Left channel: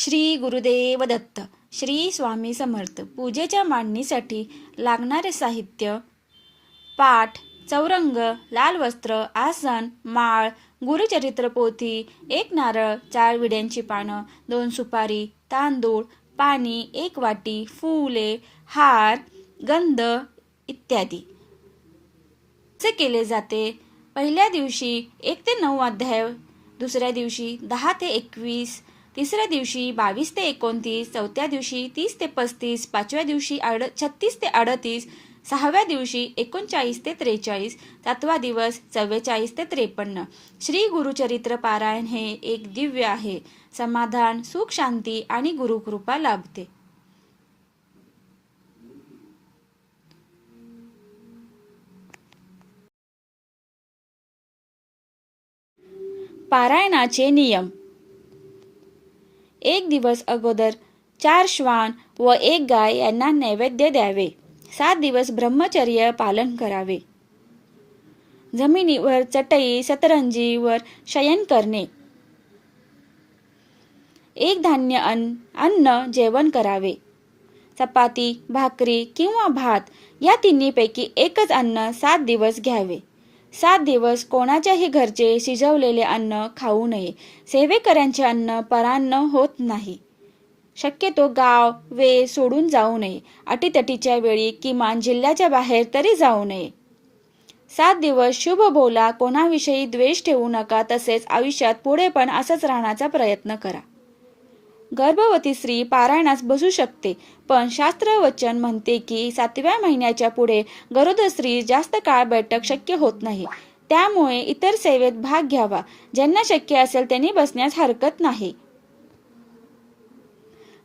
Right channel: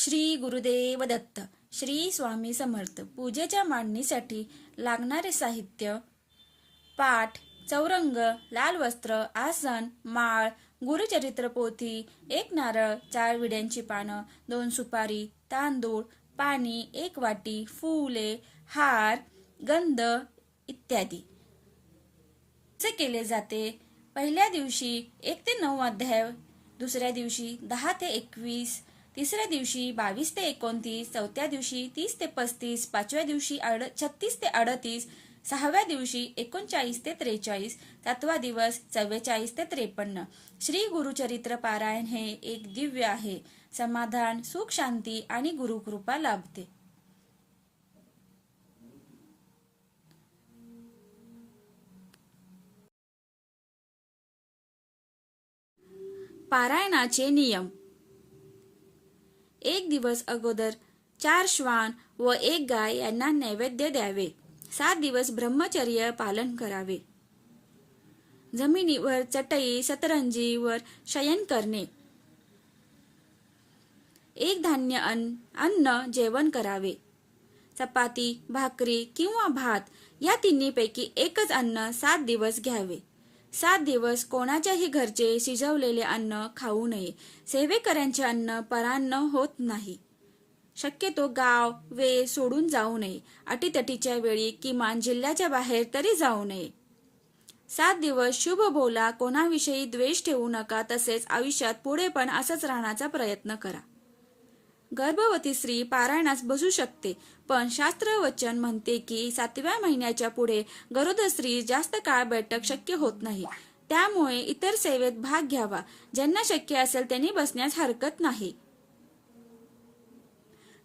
श्री गुरुदेव दत्त. श्री स्वामी समर्थ. पूजेच्या मांडणीसाठी लागणारे साहित्य: पाट, चौरंग, लाल वस्त्र, आसन, माळ, गुरुचरित्र पोथी, 1 नारळ, 4 विड्यांची पानं, 2 सुपारी, तांदूळ, पाणी, 1 वाटी, फुले, हार, गंध इत्यादी. असे केले जाते. पहिल्या दिवशी 1 ते 9 अध्याय, दुसऱ्या दिवशी 10 ते 21, तिसऱ्या दिवशी 22 ते 29, चौथ्या दिवशी 30 ते 35, पाचव्या दिवशी 36 ते 38, सहाव्या दिवशी 39 ते 43, सातवा दिवस 44 ते 53. श्री गुरुचरित्र पारायण हे एक दिव्य आहे. समाधान, सुख, शांती आणि गुरुकृपा लाभते. पारायणाचे नियम: 1 दिवस अगोदर 4 श्वान व 1 गाय यांना नैवेद्य द्यावे. 7 दिवस ब्रह्मचर्य पालन करावे. जमिनीवर चटई सतरंजीवर शयन करणे. 1 धान्य अन्न जेवण करावे. चपाती, भाकरी किंवा भात या तिन्हीपैकी एकच अन्न 7 दिवस घ्यावे. 7 दिवस कोणाच्याही घरचे शिजवलेले अन्न खाऊ नये. सेवेकऱ्यांचे अन्न परान्न होत नाही. शक्यतो गाव वे सोडून जाऊ नये. अटीतटीच्या वेळी किमान जिल्ह्याच्या बाहेर तरी जाऊ नये. 7 दिवस शुभ बोला, कोणाविषयी द्वेष ठेवू नका. तसेच आयुष्यात पुढे पण असंच राहण्याचा प्रयत्न करा. गर्भवती स्त्री पारायणास बसू शकते, पण शास्त्रवचन म्हणते की 7व्या महिन्याच्या पुढे गरोदर स्त्री जास्त काळ बैठक शक्य होत नाही. त्यामुळे इतर सेवेत भाग घ्यावा. ज्यांना शक्य असेल त्यांनी बसण्यास हरकत नाही.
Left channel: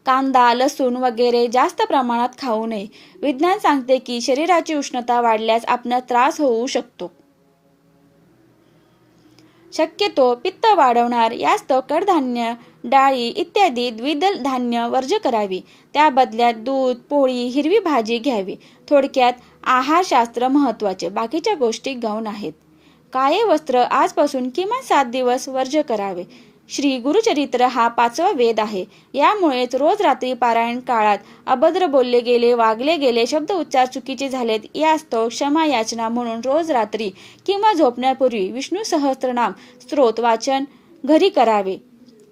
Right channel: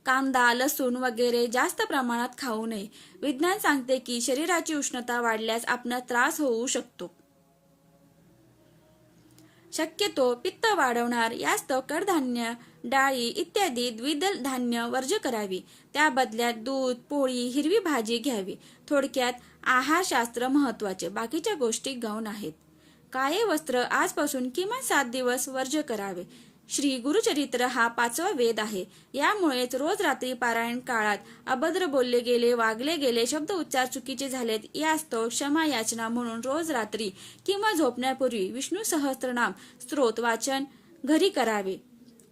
कांदा, लसूण वगैरे जास्त प्रमाणात खाऊ नये. विज्ञान सांगते की शरीराची उष्णता वाढल्यास आपणास त्रास होऊ शकतो. शक्यतो पित्त वाढवणार यास्तव कडधान्य, डाळी इत्यादी द्विदल धान्य वर्ज्य करावी. त्या बदल्यात दूध, पोळी, हिरवी भाजी घ्यावी. थोडक्यात आहारशास्त्र महत्वाचे, बाकीच्या गोष्टी गौण आहेत. काळे वस्त्र आजपासून किमान 7 दिवस वर्ज्य करावे. श्री गुरुचरित्र हा 5वा वेद आहे. यामुळेच रोज रात्री पारायण काळात अभद्र बोलले गेले, वागले गेले, शब्द उच्चार चुकीचे झालेत यास्तव क्षमा याचना म्हणून रोज रात्री किंवा झोपण्यापूर्वी विष्णू सहस्त्रनाम स्तोत्र वाचन घरी करावे.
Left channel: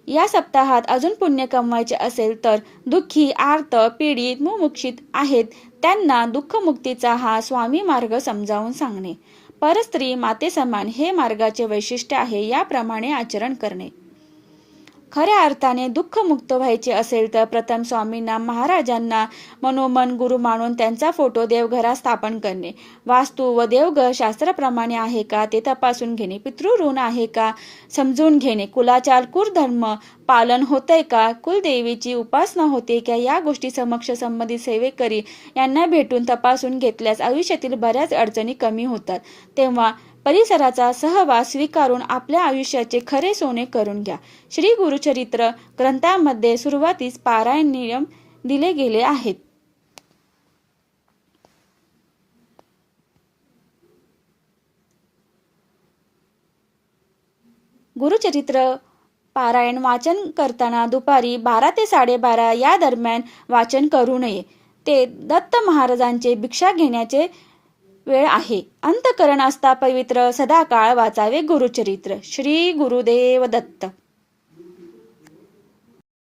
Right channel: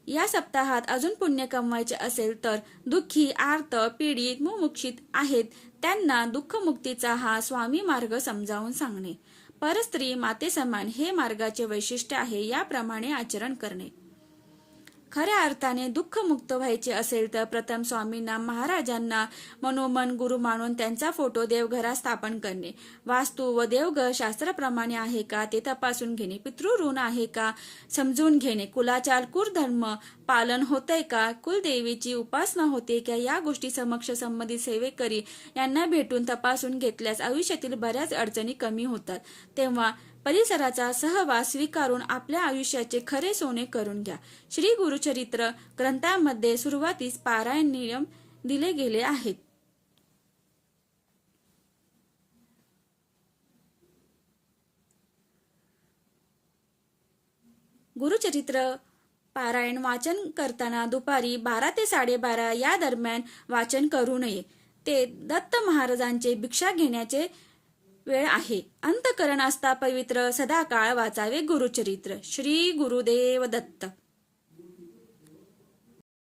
या सप्ताहात अजून पुण्य कमवायचे असेल तर दुःखी, आर्त, पीडित, मुमुक्षित आहेत त्यांना दुःखमुक्तीचा हा स्वामी मार्ग समजावून सांगणे. परस्त्री माते समान हे मार्गाचे वैशिष्ट्य आहे. याप्रमाणे आचरण करणे. खऱ्या अर्थाने दुःखमुक्त व्हायचे असेल तर प्रथम स्वामींना महाराजांना मनोमन गुरु मानून त्यांचा फोटो देवघरात स्थापन करणे. वास्तू व देवघर शास्त्राप्रमाणे आहे का ते तपासून घेणे. पितृऋण आहे का समजून घेणे. कुलाचार कुलधर्म पालन होतंय का, कुलदेवीची उपासना होते का, या गोष्टी समक्ष संबंधित सेवेकरी यांना भेटून तपासून घेतल्यास आयुष्यातील बऱ्याच अडचणी कमी होतात. तेव्हा परिसराचा सहवास स्वीकारून आपल्या आयुष्याचे खरे सोने करून घ्या. श्री गुरुचरित्र ग्रंथामध्ये सुरुवातीस पारायण नियम दिले गेले आहेत. गुरुचरित्र पारायण वाचन करताना दुपारी 12 ते 12:30 या दरम्यान वाचन करू नये. ते दत्त महाराजांचे भिक्षा घेण्याचे वेळ आहे. अंतःकरण असता पवित्र सदाकाळ वाचावे गुरुचरित्र. श्री गुरुदेव दत्त.